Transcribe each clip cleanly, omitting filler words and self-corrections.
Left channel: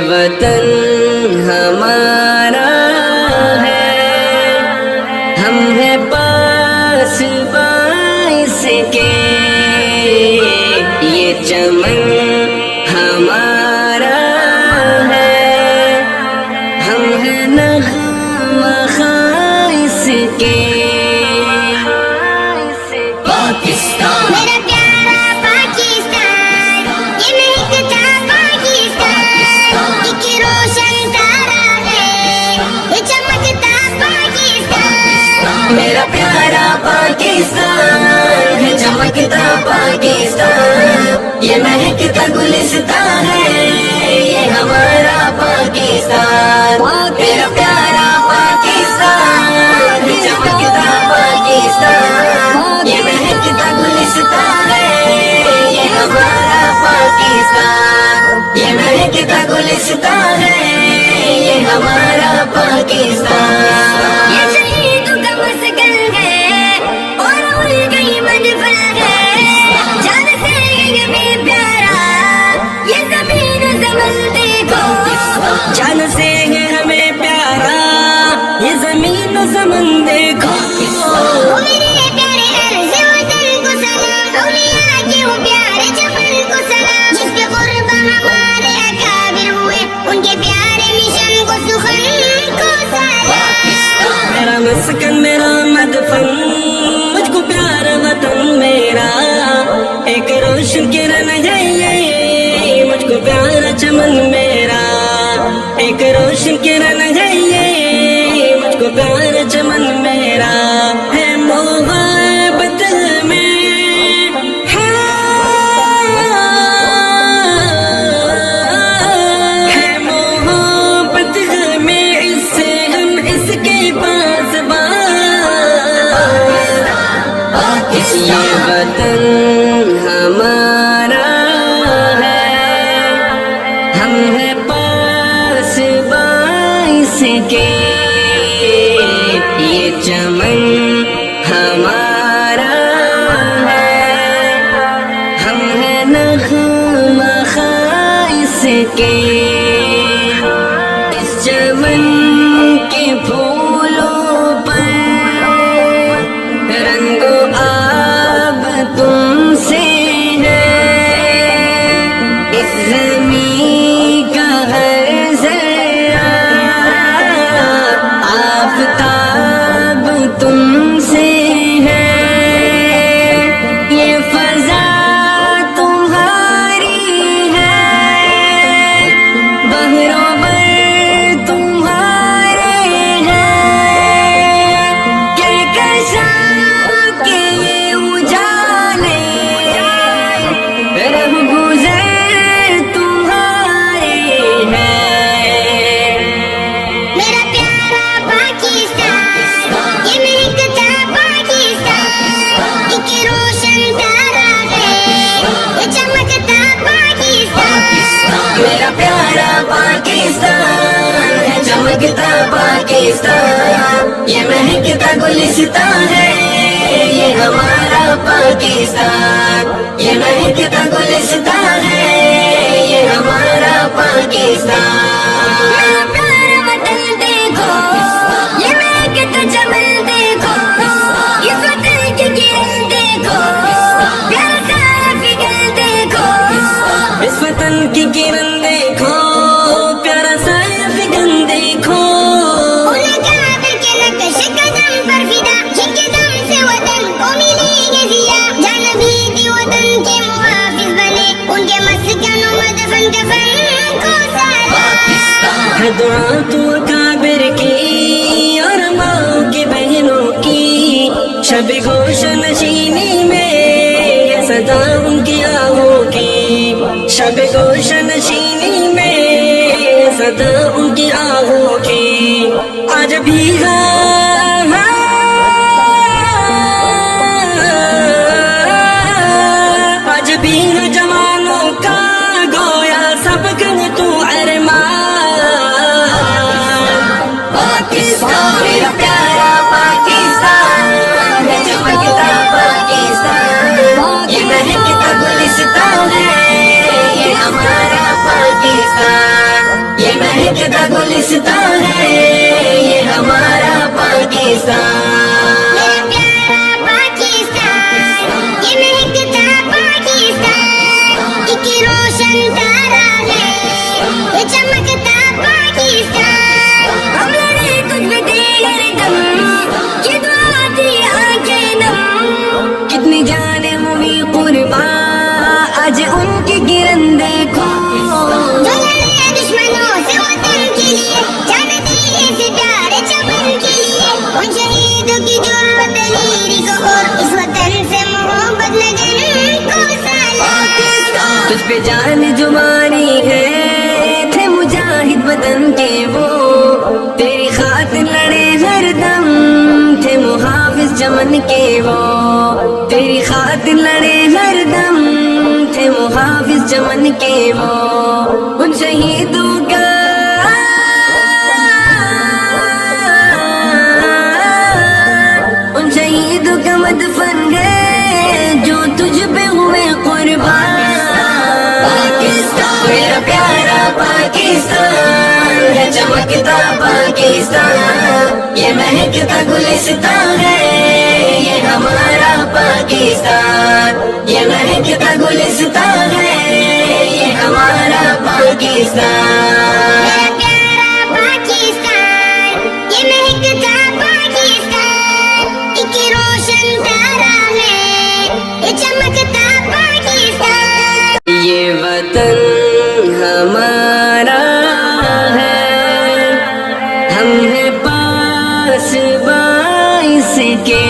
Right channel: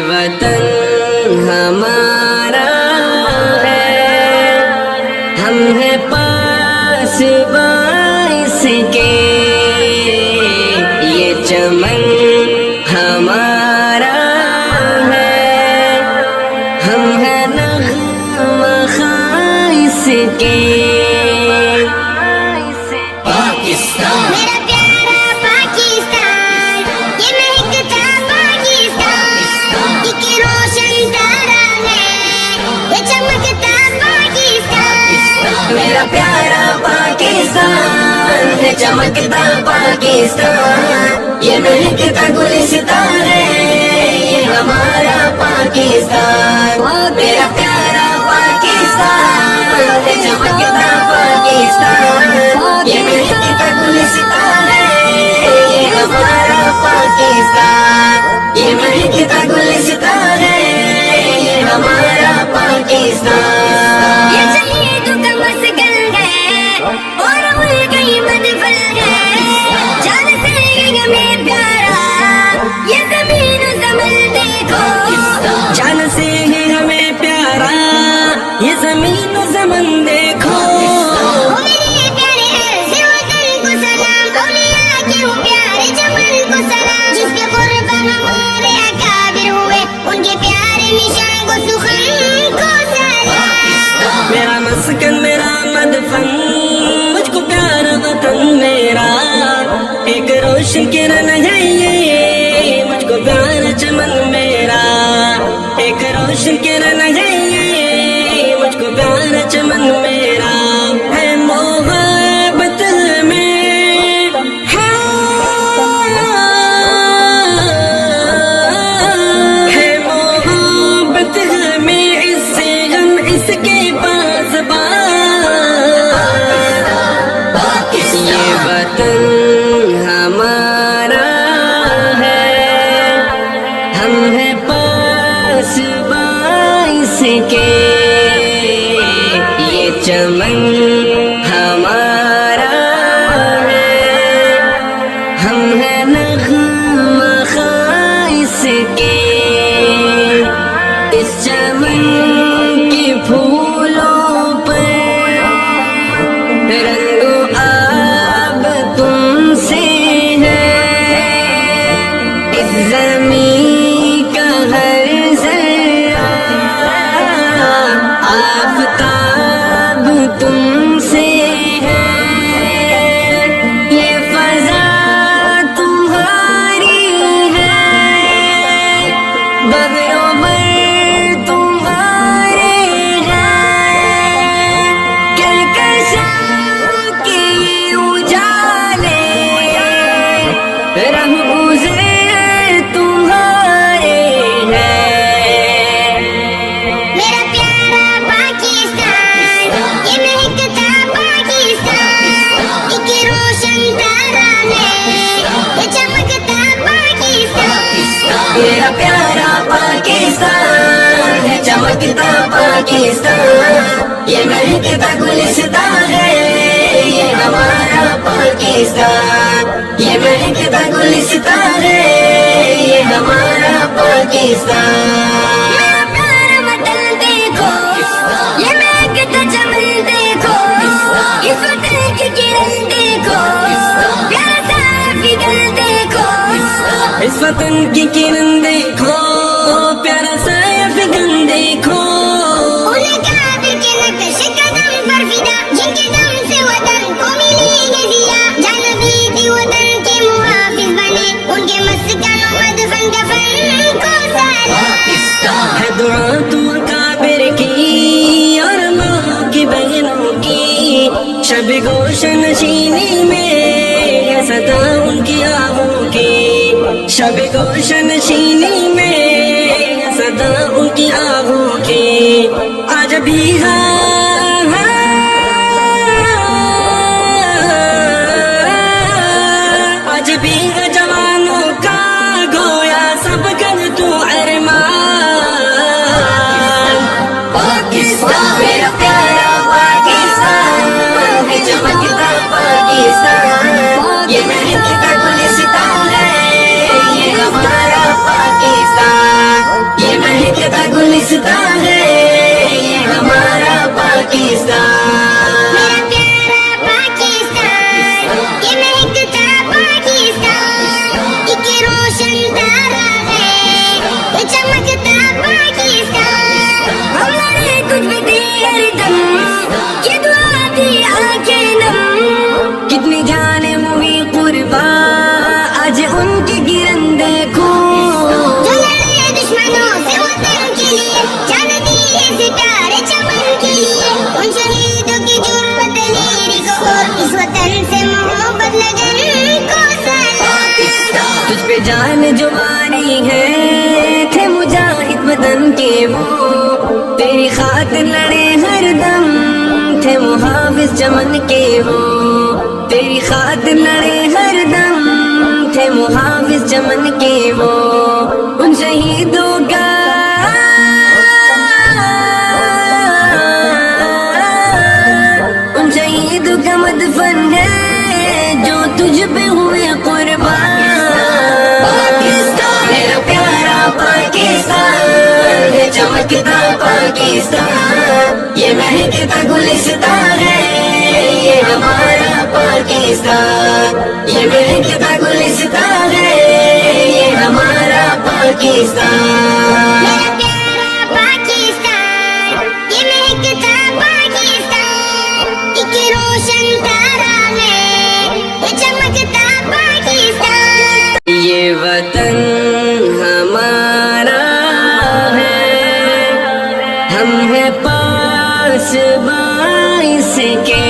وطن ہمارا ہے، ہم ہیں پاس باعث کے، یہ چمن ہمارا ہے، ہم ہیں نغمہ خائص کے۔ پاکستان میرا پیارا پاکستان، یہ مہکتا پاکستان، ایک روشن تارا ہے، یہ چمکتا پاکستان۔ میرا پیارا پاکستان ہے، چمکتا پاکستان، یہ مہکتا گلستان ہے، یہ ہمارا پاکستان۔ میرا پیارا پاکستان ہے، چمکتا پاکستان، یہ مہکتا گلستان ہے، یہ ہمارا پاکستان، یہ مہکتا گلستان ہے، یہ ہمارا پاکستان۔ یہ شہیدوں کا مسکن ہے اور ملک ہی منفل ہے، جان سے ہے ہمیں پیارا یہ زمین و زمن دیکھو۔ جان سے ہے ہمیں پیارا یہ زمین و زمن دیکھو۔ وہ میرے پیارے عرض وطن کو سلام، اولیاء کے ہوں پیارے جبل کو سلام، جس پہ قربہ ہمارے اکابر ہوئے ان کے پیارے نشان کو سخن کو سلام۔ میرا مسکن میرا مدفن، مجھ کو پیارا وطن میرا، ایک روشن کرن ہے، مجھ کو پیارا چمن میرا، ایک روشن کرن ہے، مجھ کو پیارا چمن میرا، ہے محبت میں ہے محبت میں، اس سے ہم اس کے پاس پاس، یہ وطن ہمارا ہے، ہم ہیں پاس باعث کے، یہ چمن ہمارا ہے، ہم ہیں نغمہ خائص کے، اس چمن کے پھولوں پر رنگ و آب تم سے ہے، اس زمین کا ہر ذرہ آفتاب تم سے ہے، یہ فضا تمہاری ہے، بحر و بر تمہارے ہیں، کہکشاں کے اجالے رہ گزر تمہارے ہیں۔ میرا پیارا پاکستان، یہ مہکتا پاکستان، ایک روشن تارا ہے، یہ چمکتا پاکستان۔ میرا پیارا پاکستان ہے، چمکتا پاکستان، یہ مہکتا گلستان ہے، یہ ہمارا پاکستان، یہ مہکتا گلستان ہے، یہ ہمارا پاکستان۔ میرا پیارا وطن دیکھو، یہ مہکتا چمن دیکھو، اس وطن کی کرن دیکھو، پیارا سارا فکر دیکھو۔ اس وطن کی کرن دیکھو، پیارا سایہ فگن دیکھو، انہیں کعبے کے نقش قدم پر فدا، جن کے دم سے وطن کو ملی ہے زیرہ، جان نبی بھی وطن کے محافظ بنے، ان کے مسکن و مدفن دفن کو سلام۔ ہے دعا تو کابر کی اور ماں کی بہنوں کی، شب گوش نشینی میں یہ صدا ان کی آہوں کی، شب گوش نشینی میں یہ صدا ان کی آہوں کی، آج بھی آج بھی ہے جوانوں کا گویا سب گن تو ارمان۔ پاکستان میرا پیارا پاکستان ہے، چمکتا پاکستان، یہ مہکتا گلستان ہے، یہ ہمارا پاکستان۔ پاکستان. میرا پیارا پاکستان، یہ مہکتا پاکستان، ایک روشن تارا ہے یہ چمکتا پاکستان. ہم لڑے تجھ پہ دیگر دم، یہ دعا کی آنکھیں دم. کتنی جانیں ہوئی قربان آج ان کی گرن دیکھو. جو لڑے دشمنوں سے وطن کے لیے، جان دی ہے ستارے چمن کے لیے. ان شہیدوں کی جرأت لیری کو اس وطن سے محبت لگن کو سلام. تجھ پہ جان جواری ہے تھے مجاہد وطن کے وہ، تیری خاطر لڑے ہر دم تھے محافظ چمن کے وہ. تیری خاطر لڑے ہر دم تھے محافظ چمن کے وہ. ان شہیدوں کا ان شہیدوں کا مدفن ہے جو تجھ پہ ہوئے قربان. میرا پیارا پاکستان ہے چمکتا پاکستان، یہ مہکتا گلستان ہے یہ ہمارا پاکستان. یہ مہکتا گلستان ہے یہ ہمارا پاکستان. میرا پیارا پاکستان، یہ مہکتا پاکستان، ایک روشن تارا ہے یہ چمکتا پاکستان. یہ وطن ہمارا ہے، ہم ہیں پاس باعث کے.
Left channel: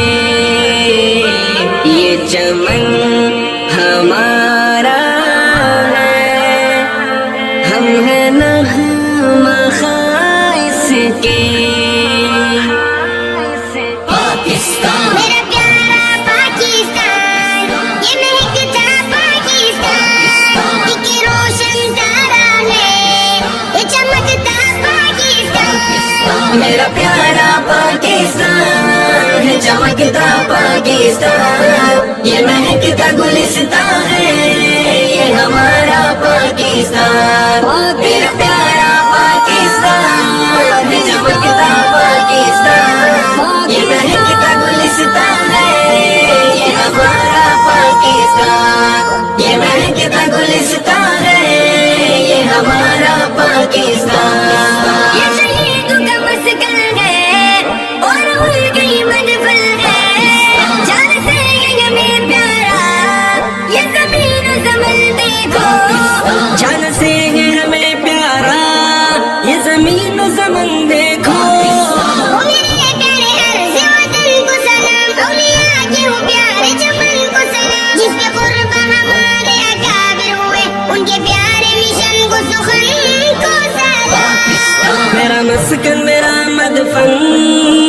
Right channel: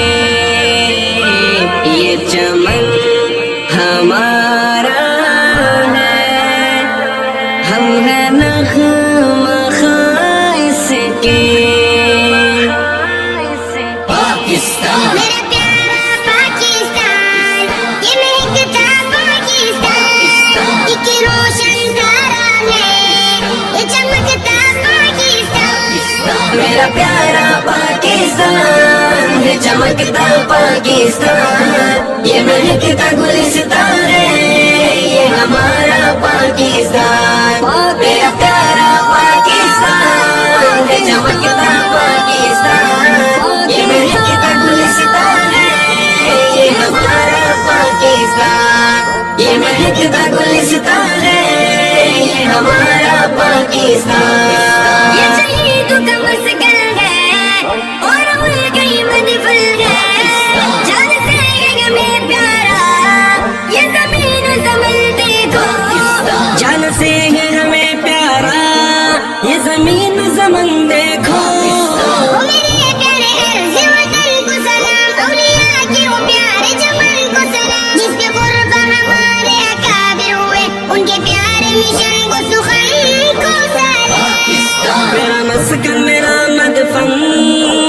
یہ چمن ہمارا ہے، ہم ہیں نغمہ خاص کے. پاکستان میرا پیارا پاکستان، یہ مہکتا پاکستان، ایک روشن تارا ہے یہ چمکتا پاکستان. میرا پیارا پاکستان ہے چمکتا پاکستان، یہ مہکتا گلستان ہے یہ ہمارا پاکستان. میرا پیارا پاکستان ہے چمکتا پاکستان، یہ مہکتا گلستان ہے یہ ہمارا پاکستان. یہ مہکتا گلستان ہے یہ ہمارا پاکستان. یہ شہیدوں کا مسکن ہے اور ملک ہی مدفن ہے. جان سے یہ ہمیں پیارا یہ زمین و زمن دیکھو. جان سے ہے ہمیں پیارا یہ زمین و زمن دیکھو. وہ میرے پیارے عرض وطن کو سلام، اولیاء کے وہ پیارے چمن کو سلام. جس پہ قربا ہمارے اکابر ہوئے ان کے پیارے مشن کو سخن کو سلام. میرا مسکن میرا مدفن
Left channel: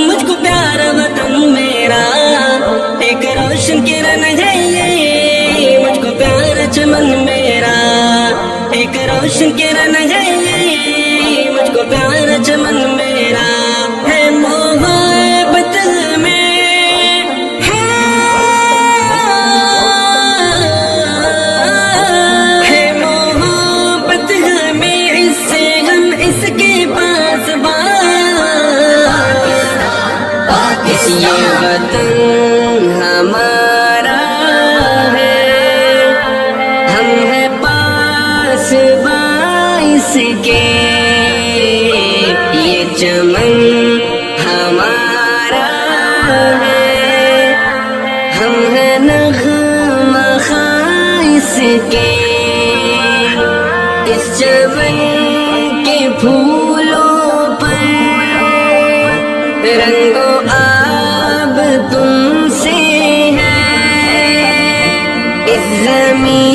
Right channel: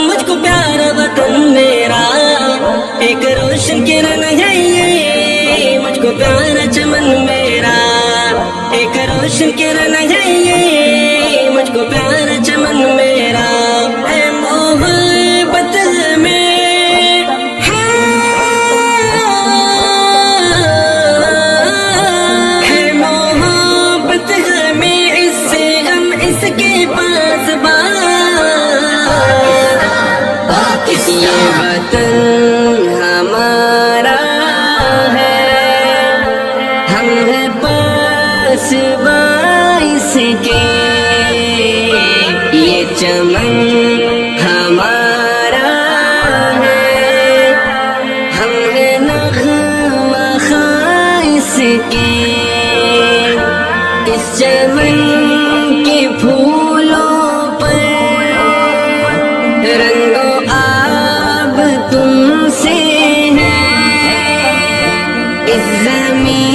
مجھ کو پیارا وطن میرا، ایک روشن کرن ہے یہ مجھ کو پیارا چمن میرا. ایک روشن کرن ہے یہ مجھ کو پیارا چمن میرا. ہے محبت میں ہے محبت میں اس سے ہم اس کے پاس یہ وطن ہمارا ہے، ہم ہیں پاس باعث کے. یہ چمن ہمارا ہے، ہم ہیں نغمہ خاص کے. اس چمن کے پھولوں پر رنگ و آب تم سے ہے، اس زمین